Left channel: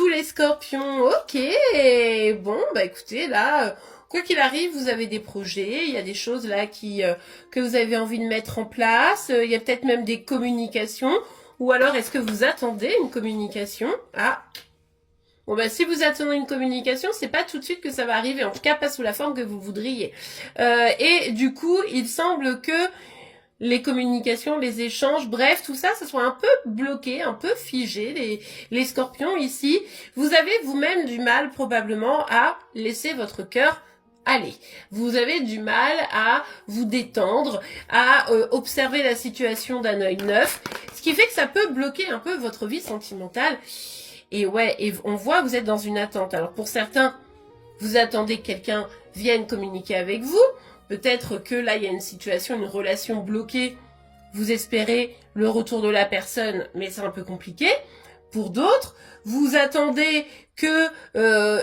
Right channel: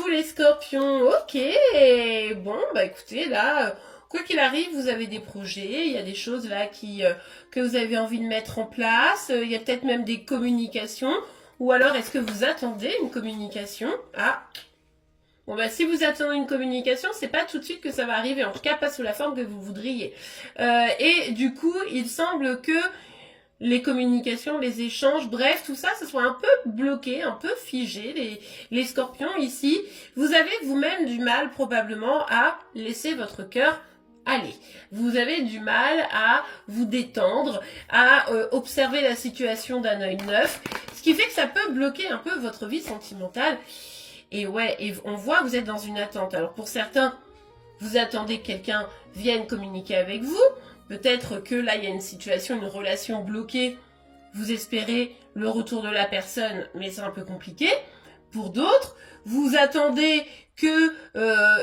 vous les scorpions, ok. Bon, bah écoutez, là, quoi qu'il arrive, vous avez des projets, il y a des choses là que vous avez envie de mettre en place, il y a peut-être même des communications, ou alors est-ce que vous attendez une communication? Ah, bon bah si vous attendez une communication, c'est pas tout de suite que ça va arriver, en tout cas pas sous la forme que vous voudriez. Et du coup, il semble que les communications, les échanges, bref, tout ça, ça soit un peu bloqué, un peu figé. Les scorpions ici, vous avez vous-même du mal probablement à laisser votre cœur aller. Vous avez du mal à vous détendre, à observer la situation d'un œil neuf, ce qui fait que ça peut bloquer un peu votre vie sentimentale. Et ouais, et on voit, vous êtes dans une attente. Alors pour certains, vous attendez que quelqu'un vienne communiquer avec vous. Peut-être que là, il y a une situation, une relation bloquée. Vous espérez le retour de la personne, mais c'est un peu compliqué. Pour d'autres, vous attendez que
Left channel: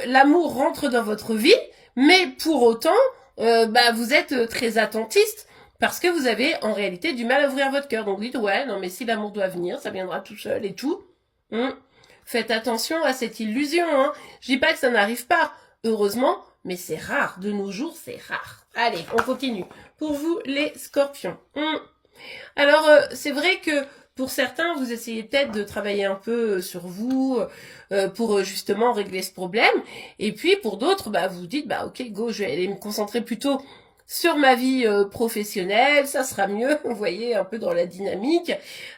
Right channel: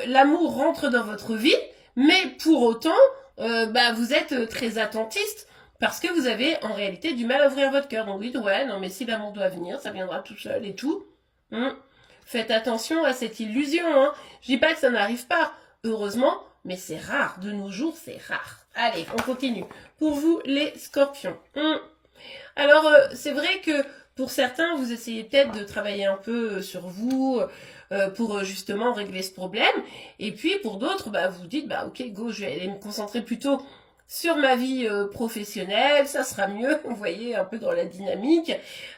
l'amour rentre dans votre vie, mais pour autant, vous êtes très attentiste parce que vous avez en réalité du mal à ouvrir votre cœur. Donc vous dites, ouais, non, mais si l'amour doit venir, ça viendra tout seul et tout. Faites attention à cette illusion. Je dis pas que ça n'arrive pas, heureusement, mais c'est rare. De nos jours, c'est rare. Allez, on continue. Pour vous, les scorpions. Alors, c'est vrai que pour certains, vous essayez peut-être de travailler un peu sur vous pour justement régler ce problème. Et puis, pour d'autres, vous vous dites, ok, go, je vais aller me concentrer plutôt sur ma vie professionnelle, ça sera mieux, vous voyez, un peu dans la dynamique.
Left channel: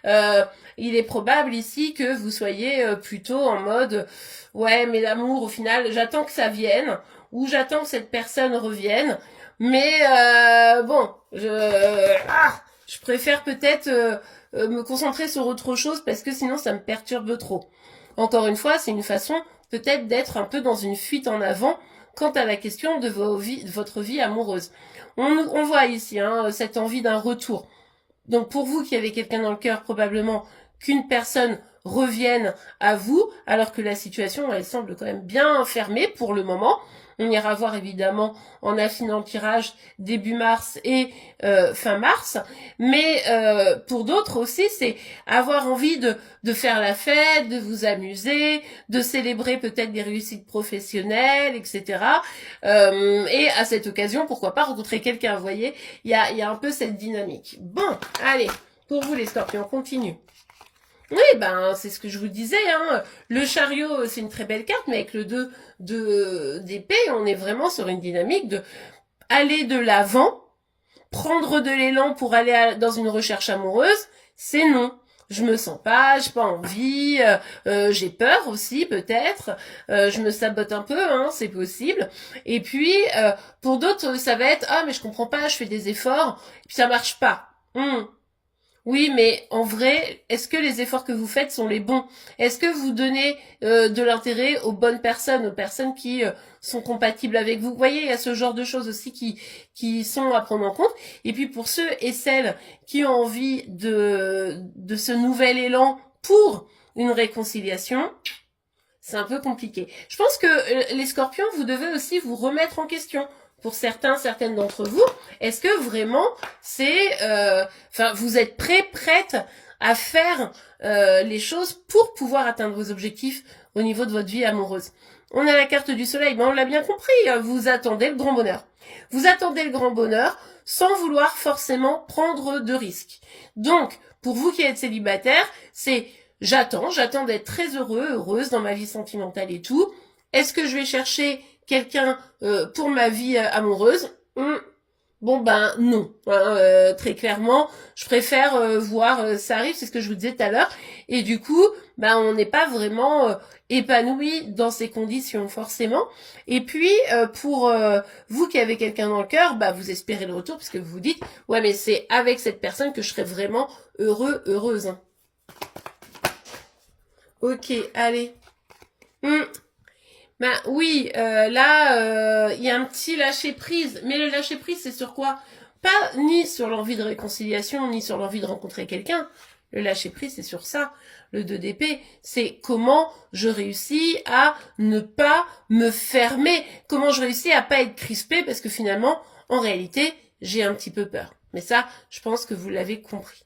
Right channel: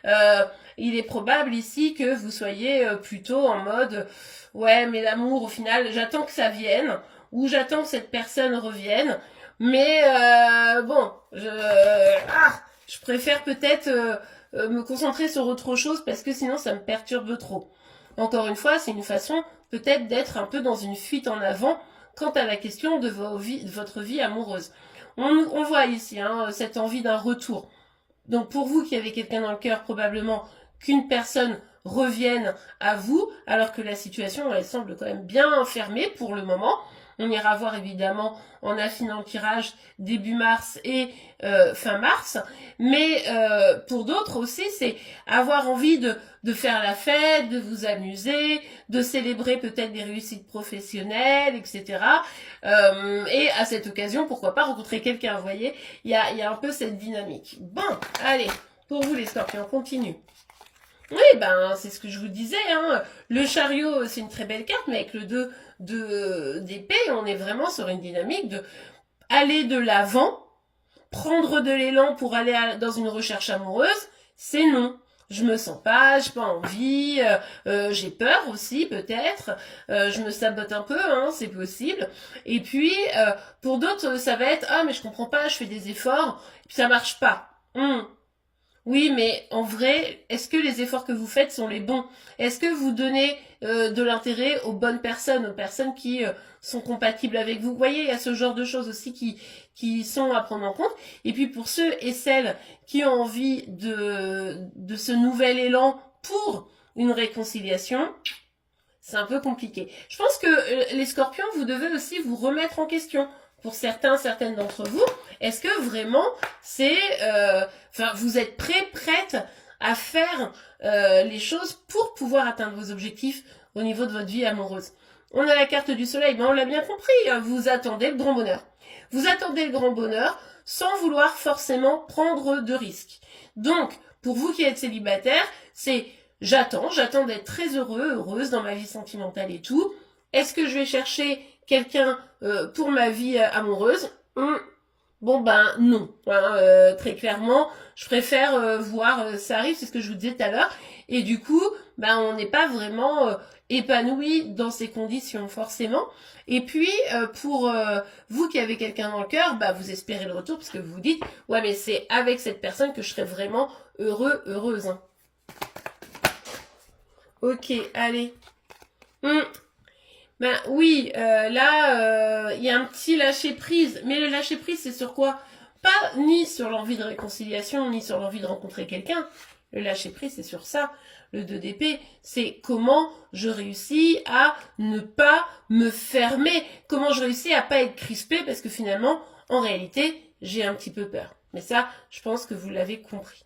Il est probable ici que vous soyez plutôt en mode, ouais, mais l'amour, au final, j'attends que ça vienne, ou j'attends que cette personne revienne, mais je préfère peut-être me concentrer sur autre chose parce que sinon ça me perturbe trop. Encore une fois, c'est une façon peut-être d'être un peu dans une fuite en avant quant à la question de votre vie amoureuse. On voit ici cette envie d'un retour. Donc pour vous qui avez quelqu'un dans le cœur, probablement qu'une personne revienne à vous, alors que la situation, elle semble quand même bien fermée pour le moment. On ira voir évidemment en affinant le tirage début mars et fin mars. Mais pour d'autres aussi, c'est avoir envie de faire la fête, de vous amuser, de célébrer peut-être des réussites professionnelles, etc. Et à cette occasion, pourquoi pas rencontrer quelqu'un, vous voyez, il y a un peu cette dynamique. Bon, allez, pour vous les scorpions, on continue. Oui, c'est ce que je vous disais. Le chariot, c'est une très belle carte, mais avec le 2 d'épée, on est vraiment sur une dynamique de aller de l'avant, prendre de l'élan pour aller dans une recherche amoureuse, c'est non. Je me sens pas, j'ai pas envie, j'ai peur aussi peut-être, je me sabote un peu, c'est possible. Et puis, pour d'autres, ça va être, ah mais je comprends pas, je fais des efforts, puis ça marche pas. Oui, mais en vrai, est-ce que les efforts que vous faites sont les bons? Est-ce que vous donnez de l'intérêt aux bonnes personnes, aux personnes qui sont compatibles avec vous? Vous voyez, il y a ce genre de choses aussi qui sont à prendre en compte. Et puis pour ceux et celles qui ont envie de ce nouvel élan pour une réconciliation, c'est un peu compliqué. Je pense que les scorpions, vous devez aussi vous remettre en question. Pour certaines d'entre vous, est-ce que vraiment vous êtes prête à faire les choses pour pouvoir atteindre vos objectifs au niveau de votre vie amoureuse? On a la carte du soleil, on l'a bien compris, vous attendez le grand bonheur. Vous attendez le grand bonheur sans vouloir forcément prendre de risques. Donc, pour vous qui êtes célibataire, c'est j'attends d'être très heureuse dans ma vie sentimentale et tout. Est-ce que je vais chercher quelqu'un pour ma vie amoureuse? Non. Très clairement, je préfère voir ça arrive, c'est ce que je vous disais tout à l'heure. Et du coup, on n'est pas vraiment épanoui dans ces conditions, forcément. Et puis, pour vous qui avez quelqu'un dans le cœur, vous espérez le retour, parce que vous vous dites, ouais, mais c'est avec cette personne que je serai vraiment heureuse. Ok, allez. Oui, là, il y a un petit lâcher-prise. Mais le lâcher-prise, c'est sur quoi? Pas ni sur l'envie de réconciliation, ni sur l'envie de rencontrer quelqu'un. Le lâcher-prise, c'est sur ça. Le 2 d'épée, c'est comment je réussis à ne pas me fermer. Comment je réussis à pas être crispée, parce que finalement, en réalité, j'ai un petit peu peur. Mais ça, je pense que vous l'avez compris.